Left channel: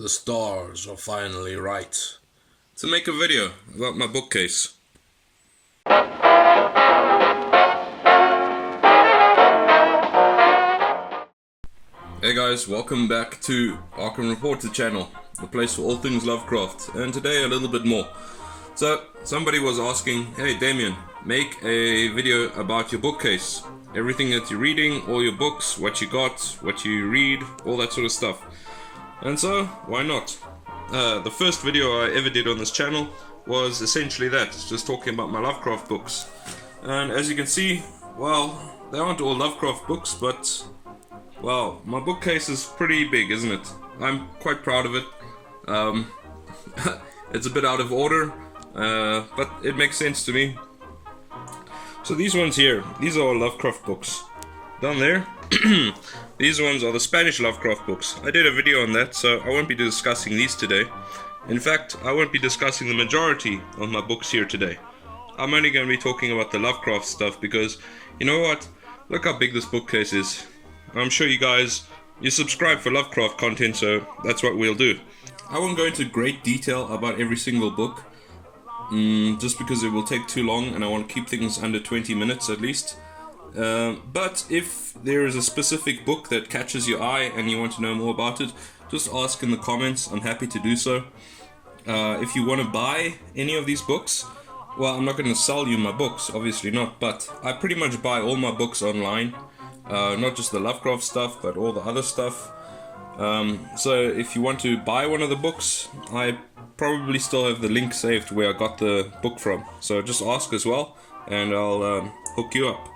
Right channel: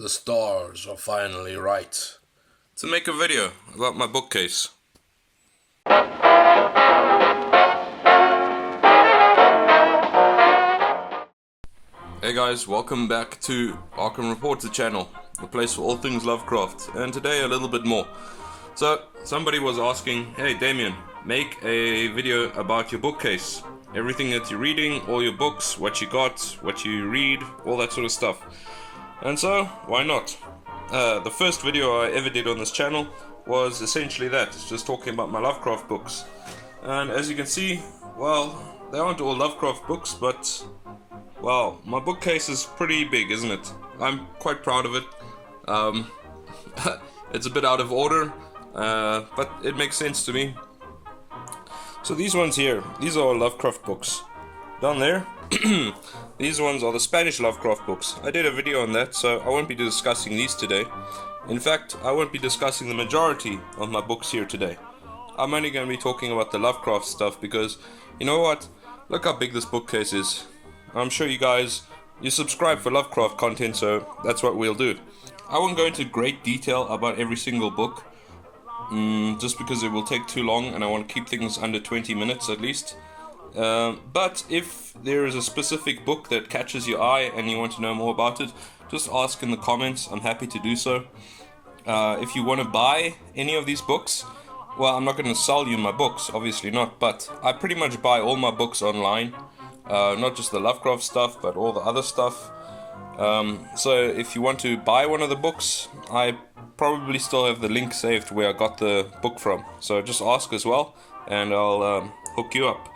The stars are finally right to make a video about my bookcase. Hey guys, welcome back to Arkham Reporter channel, the place for all things Lovecraft, and today a little bit more. So, somebody was asking, hey Damien, make a video about your bookcase. Everything that you're reading, all your books, what you got, what you read, all that sort of stuff. And so, why not? The first video I ever did on this channel was essentially that, just talking about my Lovecraft books. And as you can see, well, they aren't all Lovecraft books, but, well, my bookcase is pretty big, isn't it? I'm quite proud of it. It's a bit out of order, but it makes sense to me. So these ones here, these are all Lovecraft books. Down there, these ones are the Spanish Lovecraft books. I did a video on that, so I won't be discussing these today. In fact, I won't be discussing the majority of my books here today. I'm only going to be talking about the Lovecraft stuff because, you know what? Look how big this bookcase is. I'm sure you subscribe for Lovecraft content, so that's what we'll do. I won't go into great detail about every single book, just because it will take too long and I want to keep things under 20 minutes at least. But if there is a specific book that catches your eye and you want to know more about it, just ask in the comments. I'm happy to do so. If you want to buy any of these books, well, I'm not going to sell you my books, obviously not, but I pretty much buy all my books online. Not just the Lovecraft stuff, but all the other stuff. So if you want to buy one of the books, I probably still have the link saved where I got the book from. So just ask as well, and I'll hook you up.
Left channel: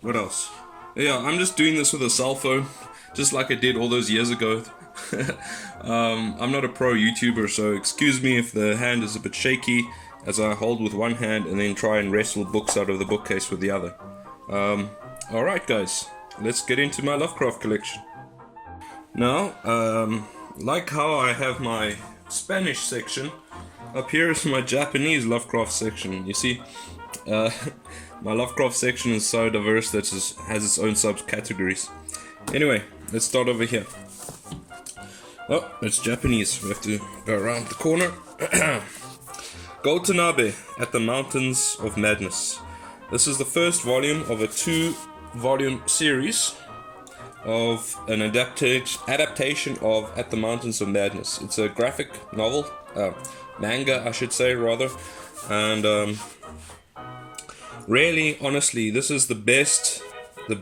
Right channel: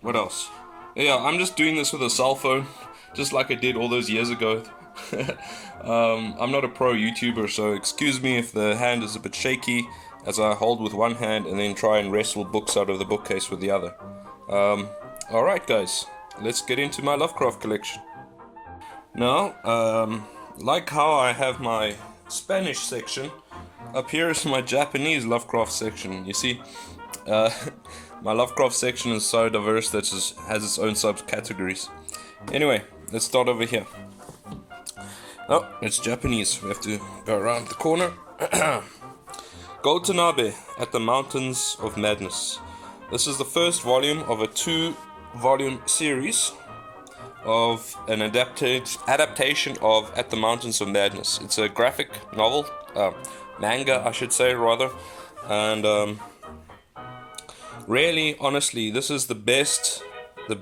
What else? Yeah, I'm just doing this with a cell phone, just like I did all those years ago. I'm not a pro YouTuber, so excuse me if the hand is a bit shaky, as I hold with one hand and then try and wrestle books out of the bookcase with the other. Alright guys, let's get into my Lovecraft collection. Now, like how I have my Spanish section, up here is my Japanese Lovecraft section. You see, my Lovecraft section is so diverse that it has its own subcategories. Anyway, let's start over here. Oh, it's Japanese. We have to go around the corner. Go Tanabe at the Mountains of Madness. This is the first volume of a 2-volume series of an adaptation of At the Mountains of Madness. It's a graphic novel, manga I should say rather, and really, honestly, this is the best, no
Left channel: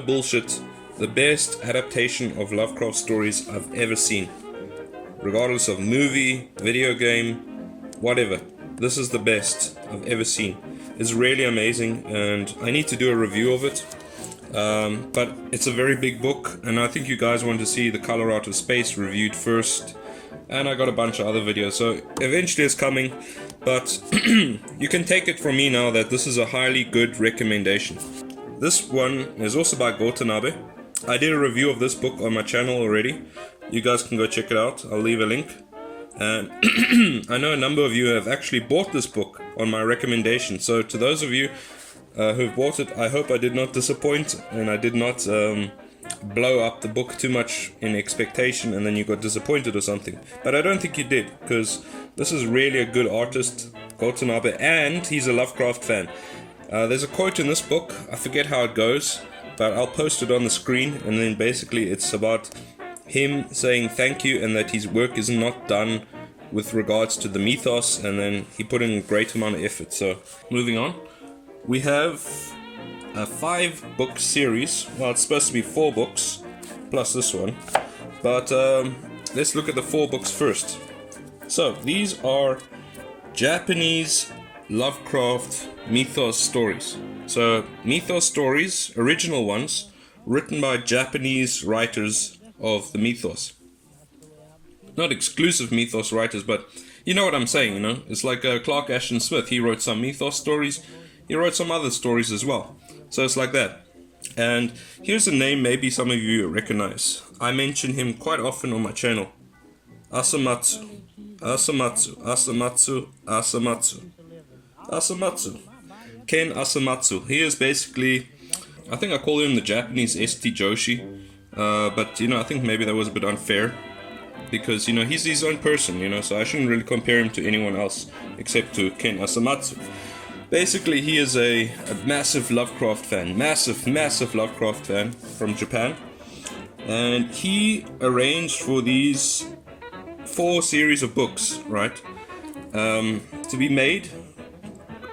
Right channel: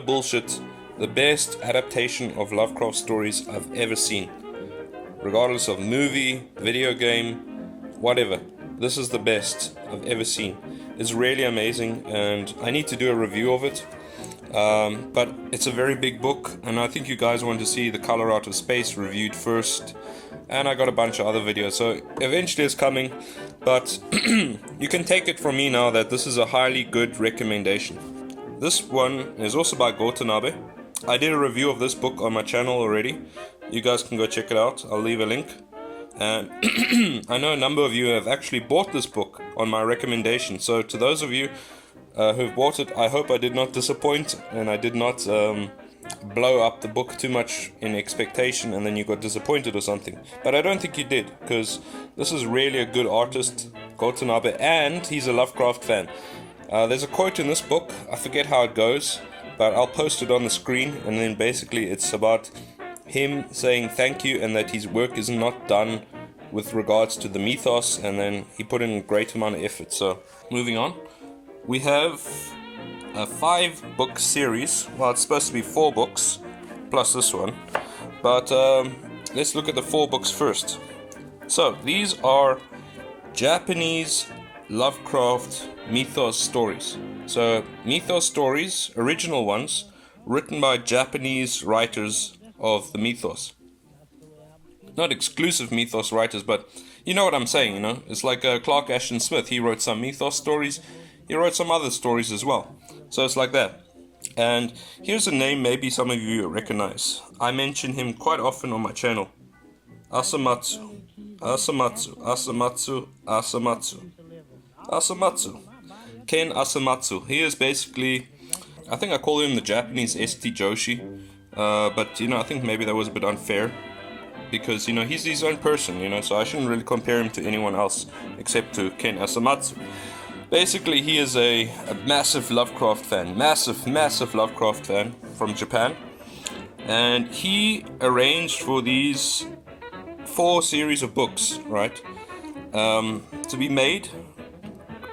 bullshit, the best adaptation of Lovecraft stories I've ever seen. Regardless of movie, video game, whatever, this is the best I've ever seen. It's really amazing, and I need to do a review of it. But it's a very big book, and I think you guys want to see The Color Out of Space reviewed first. And I got a bunch of other videos, so eventually it's coming. But you can take it from me now that this is a highly good recommendation. This one is also by Go Tanabe. I did a review of this book on my channel already. You guys can go check it out. I'll leave a link. And I know a number of you have actually bought this book on my recommendation. So to those of you who've bought it, I hope I did not disappoint and I did not blow up the book too much in expectation and then you got disappointed or something. But I don't think you did, because this is really a good artist, Go Tanabe, and he's a Lovecraft fan. There's a quote in this book, I forget how it goes, but I'll post it on the screen, and then basically it's about him saying thank you and that his work is not done with regards to the mythos, and then he put in a great amount of effort. So moving on, we have a 5-book series. Well, it's supposed to be 4 books plus this one, but let's look at the 4 books first. So these are Japanese Lovecraft mythos stories. So mythos stories, original ones, written by Japanese writers of the mythos. Not exclusive mythos writers, but you know what I'm saying, you know? It's like Clark Ashton Smith. He wrote some mythos stories. He wrote some other stories as well. So it's like that. And here's a name maybe some of you recognize. I mention him quite often on my channel. Asamatsu. Ken Asamatsu. He is basically I think I call him the Japanese ST Joshi, but I think maybe that was a bit unfair, because he's his own person, so I shouldn't really compare him to anyone else except to Ken Asamatsu. Basically, he is a massive Lovecraft fan, massive Lovecraft fan from Japan, and he arranged for these 4 series of books, right, to be made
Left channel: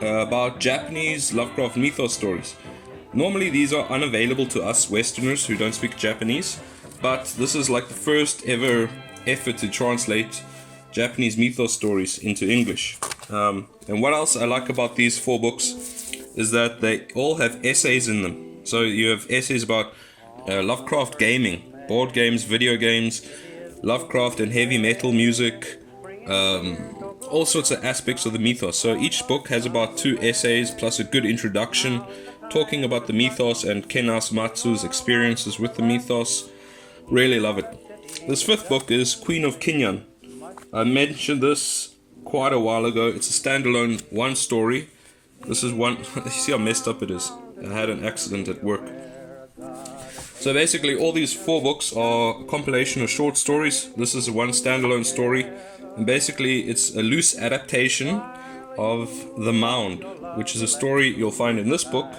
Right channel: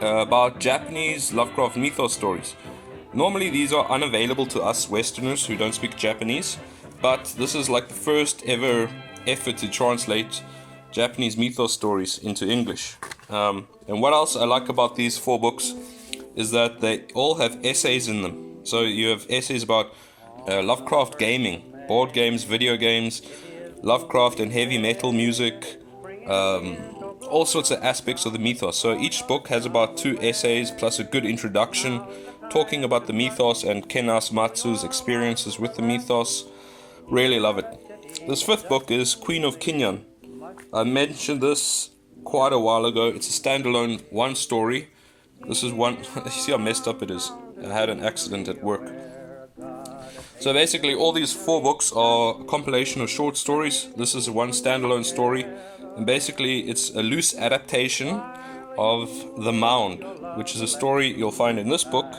about Japanese Lovecraft mythos stories. Normally these are unavailable to us Westerners who don't speak Japanese, but this is like the first ever effort to translate Japanese mythos stories into English. And what else I like about these 4 books is that they all have essays in them. So you have essays about Lovecraft gaming, board games, video games, Lovecraft and heavy metal music, all sorts of aspects of the mythos. So each book has about 2 essays plus a good introduction talking about the mythos and Ken Asamatsu's experiences with the mythos. Really love it. This 5th book is Queen of Kinyan. I mentioned this quite a while ago. It's a standalone 1 story. This is one. You see how messed up it is. I had an accident at work. So basically all these 4 books are a compilation of short stories. This is one standalone story, and basically it's a loose adaptation of The Mound, which is a story you'll find in this book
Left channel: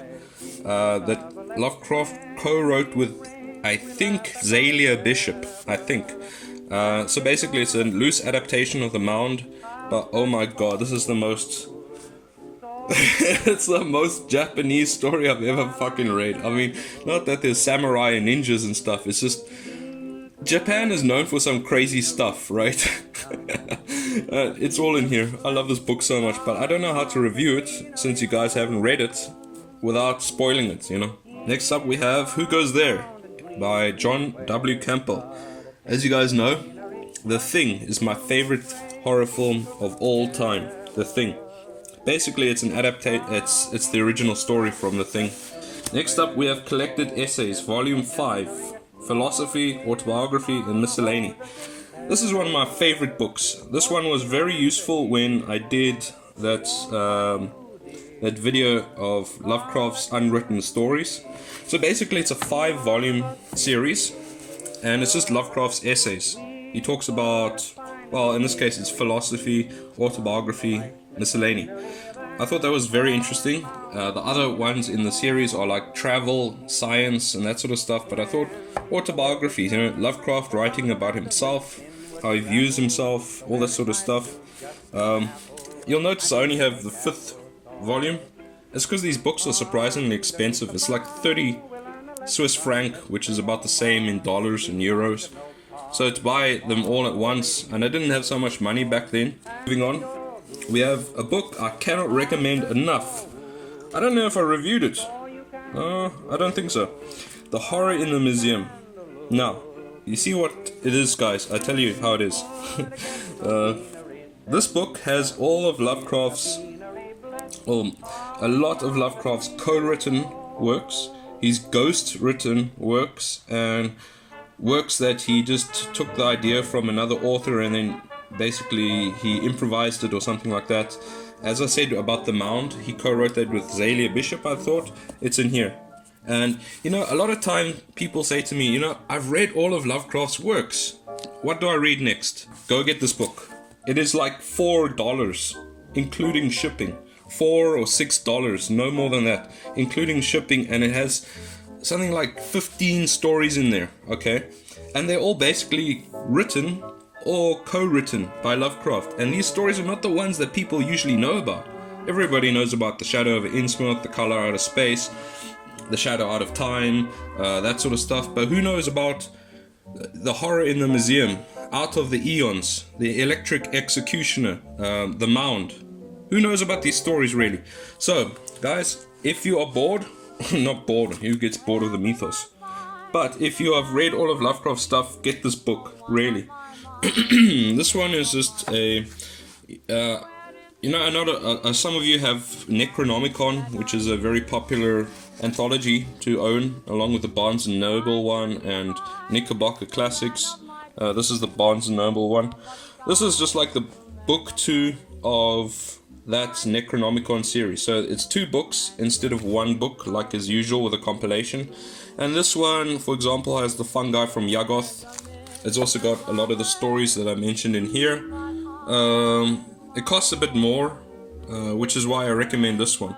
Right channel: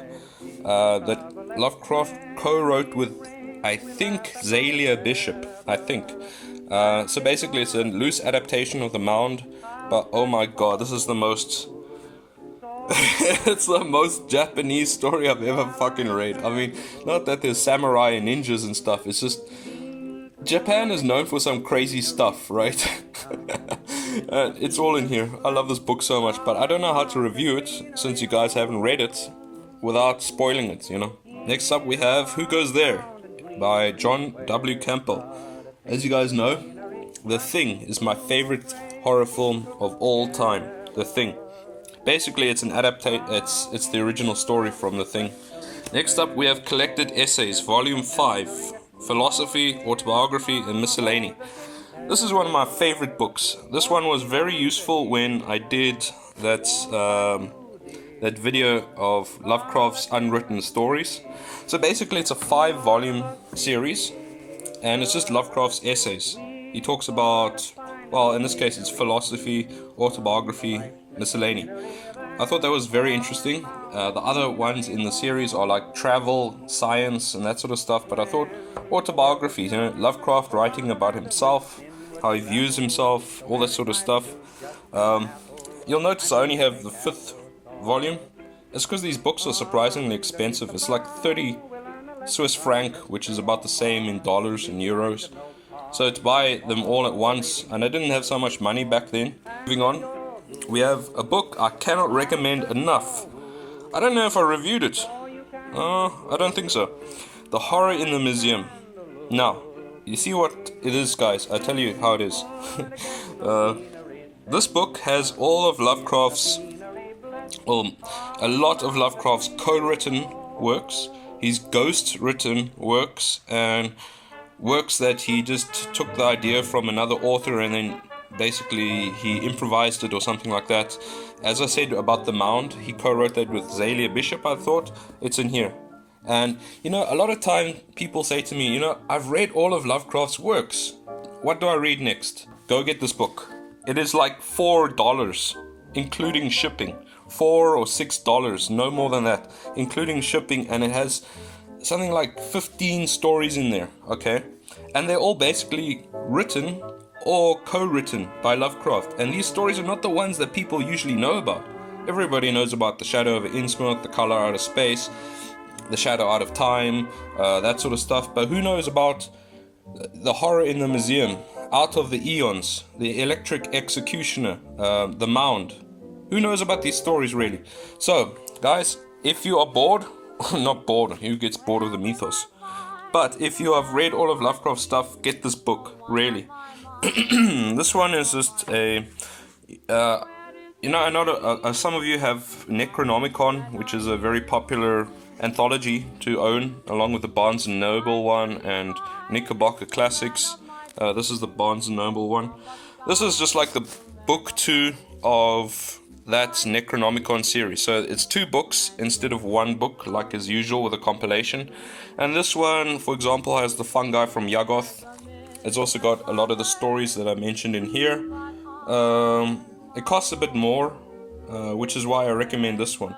that Lovecraft co-wrote with, I think, Zalia Bishop, so basically it's a loose adaptation of The Mound, but oh my god, this is the most it's the most Japanese story I've ever fucking read. I mean, not that there's samurai and ninjas and stuff, it's just Japan is known for some crazy stuff, right? It's all in here. I love this book so much, but I don't know how to review it since you guys haven't read it without spoiling it, Next up we have Who Goes There by John W. Campbell. As you guys know, The Thing is my favorite horror film of all time. The Thing. Basically, it's an it's the original story from The Thing. Next up, we have Collected Essays, Volume 5, Philosophy, Autobiography, and Miscellany. This is one of my favorite books. This one was very useful when I did that video of Lovecraft's unwritten stories. So basically, it's a 5-volume series, and it's just Lovecraft's essays. He talks about, well, in this case, it's philosophy, autobiography, miscellany. I thought that was very interesting. The other ones in the series are like travel, science, and that sort of stuff, but I thought autobiographies, Lovecraft writing about himself, how he views himself, all that sort of stuff. You'll notice I only have the 5th volume. It's because these books are surprisingly expensive. It's like 30 Swiss franc, which is about the same in dollars and euros. So to buy them all at once, and I didn't have so much money back then. Moving on, we have a book I cannot recommend enough. I don't know if I reviewed it. No, I don't think so. The Horror in the Museum. Now, you see what it is, guys. I tell you how it is. This book has all of Lovecraft's, a lot of Lovecraft's co-written works, his ghost-written works, and works that he just took the idea from another author and then basically he improvised it or something like that. As I said about The Mound, he co-wrote that with Zalia Bishop, I thought. It's in here. And, a lot of time people say to me, I've read all of Lovecraft's works. What do I read next? Go get this book. It is like $4, including shipping. $4 or $6, no more than that, including shipping, and it has something like 15 stories in there, okay? And they're all basically written or co-written by Lovecraft. And these stories are not the ones that people usually know about. Everybody knows about The Shadow over Innsmouth, The Color Out of Space, The Shadow Out of Time, that sort of stuff. But who knows about The Horror in the Museum, Out of the Eons, The Electric Executioner, The Mound? Who knows about these stories, really? So, guys, if you are bored, not bored, who gets bored of the mythos? But if you have read all of Lovecraft's stuff, get this book, really. This one is just a... I know some of you have Necronomicon, which is a very popular anthology to own, along with the Barnes & Noble one and Knickerbocker Classics. This is the Barnes & Noble one. This is just like the book 2 of that Necronomicon series. So it's 2 books instead of 1 book, like as usual with a compilation. And this one, for example, has the fungi from Yuggoth. It's also got a lot of the stories that I mentioned in here. It costs a bit more, which is why I recommend this one.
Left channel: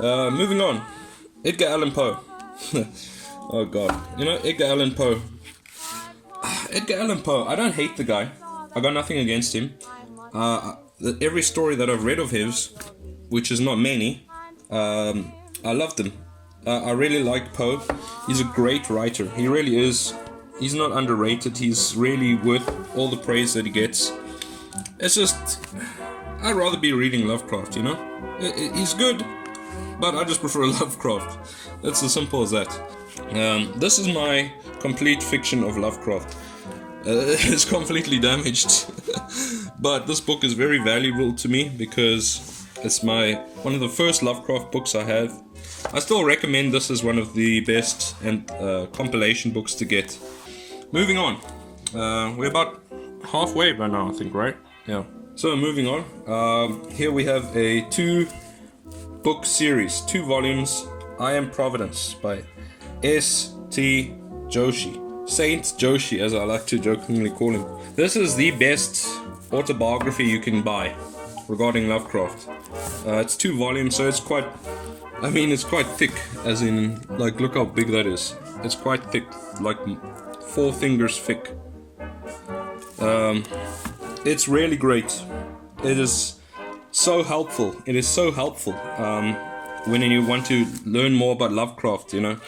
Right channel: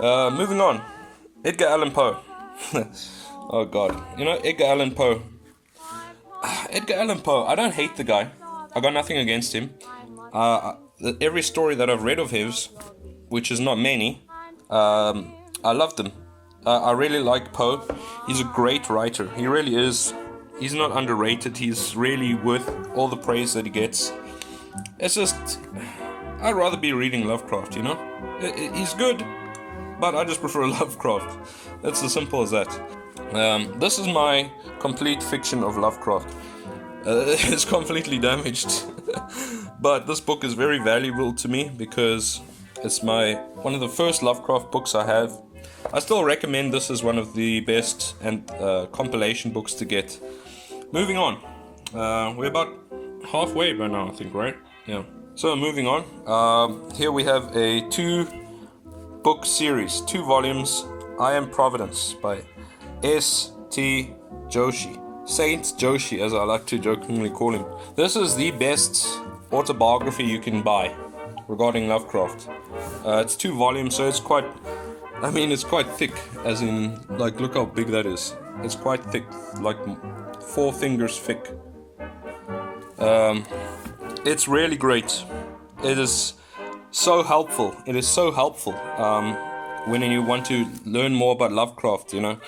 Moving on, Edgar Allan Poe. Oh god, you know, Edgar Allan Poe. Edgar Allan Poe, I don't hate the guy. I got nothing against him. Every story that I've read of his, which is not many, I loved them. I really like Poe. He's a great writer. He really is. He's not underrated. He's really worth all the praise that he gets. It's just, I'd rather be reading Lovecraft, you know? He's good, but I just prefer Lovecraft. It's as simple as that. This is my complete fiction of Lovecraft. It's completely damaged. But this book is very valuable to me because it's one of the first Lovecraft books I have. I still recommend this as one of the best and compilation books to get. Moving on. We're about halfway by now, I think, right? Yeah. So moving on. Here we have a 2-book series, 2 volumes. I Am Providence by S.T. Joshi. Saint Joshi, as I like to jokingly call him. This is the best autobiography you can buy regarding Lovecraft. It's 2 volumes, so it's quite thick, as in, like, look how big that is. It's quite thick, like 4 fingers thick. It's really great. It is so helpful. It is so helpful when you want to learn more about Lovecraft, you know.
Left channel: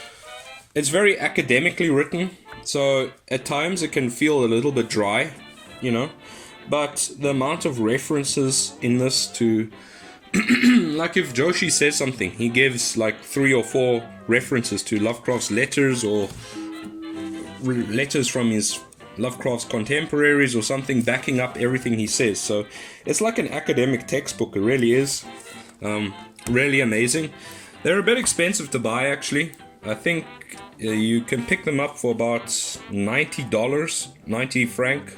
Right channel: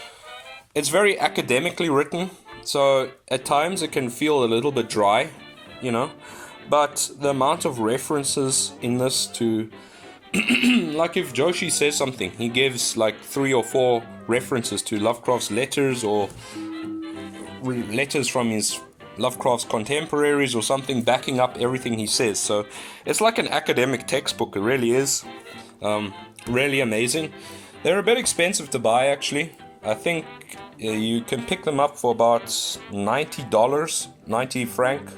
It's very academically written, so at times it can feel a little bit dry, you know. But the amount of references in this to like if Joshi says something, he gives like 3 or 4 references to Lovecraft's letters or letters from his Lovecraft's contemporaries or something backing up everything he says. So it's like an academic textbook. It really is. Really amazing. They're a bit expensive to buy, actually. I think you can pick them up for about $90, 90 franc.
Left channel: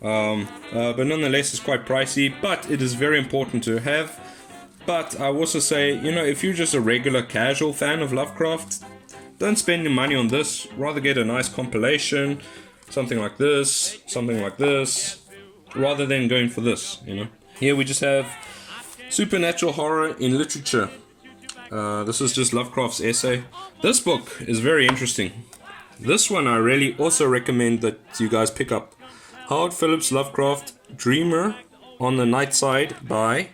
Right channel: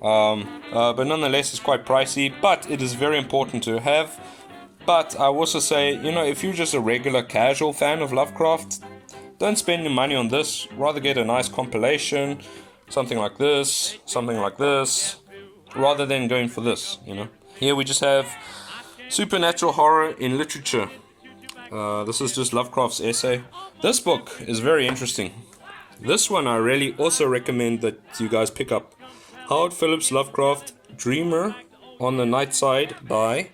But nonetheless, it's quite pricey. But it is very important to have. But I also say, you know, if you're just a regular casual fan of Lovecraft, don't spend your money on this. Rather get a nice compilation, something like this, rather than going for this, you know. Here we just have Supernatural Horror in Literature. This is just Lovecraft's essay. This book is very interesting. This one I really also recommend that you guys pick up. Howard Phillips Lovecraft, Dreamer on the Night Side by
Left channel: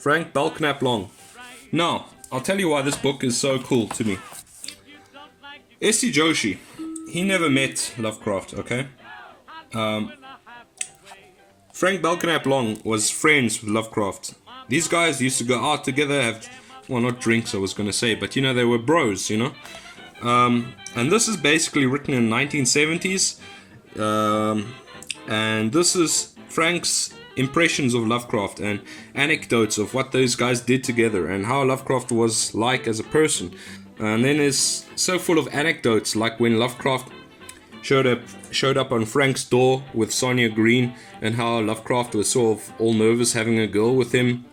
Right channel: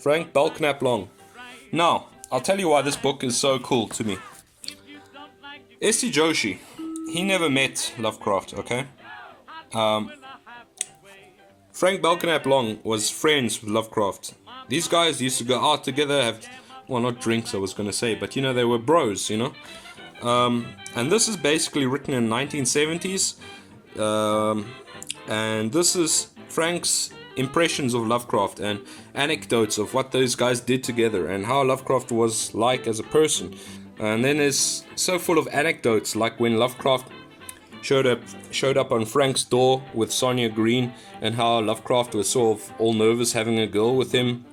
Frank Belknap Long. Now, I'll tell you why this book is so cool to me. S.T. Joshi, he never met Lovecraft, okay? Frank Belknap Long was friends with Lovecraft. These guys used to go out together, have, well, not drinks I was going to say, but you know, they were bros, you know? And this is basically written in 1970s. And this is Frank's impressions of Lovecraft and anecdotes of what those guys did together and how Lovecraft was like as a person. And then it's so full of anecdotes, like when Lovecraft showed up on Frank's door with Sonia Green, and how Lovecraft was sort of all nervous having a girl with him.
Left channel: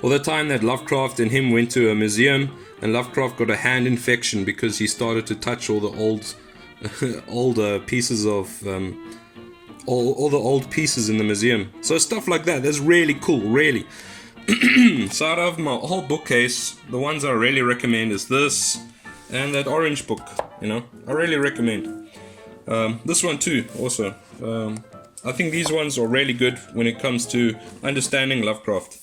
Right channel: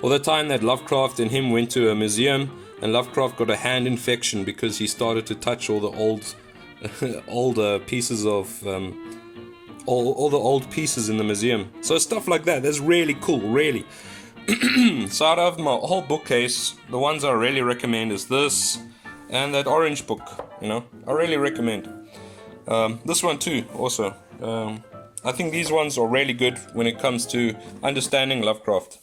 Or the time that Lovecraft and him went to a museum and Lovecraft got a hand infection because he started to touch all the older pieces of all the old pieces in the museum. So stuff like that. That's really cool, really. So out of my whole bookcase, the ones I really recommend is this and that orange book, you know. I really recommend. This one too, also. I think these ones are really good when it comes to understanding Lovecraft.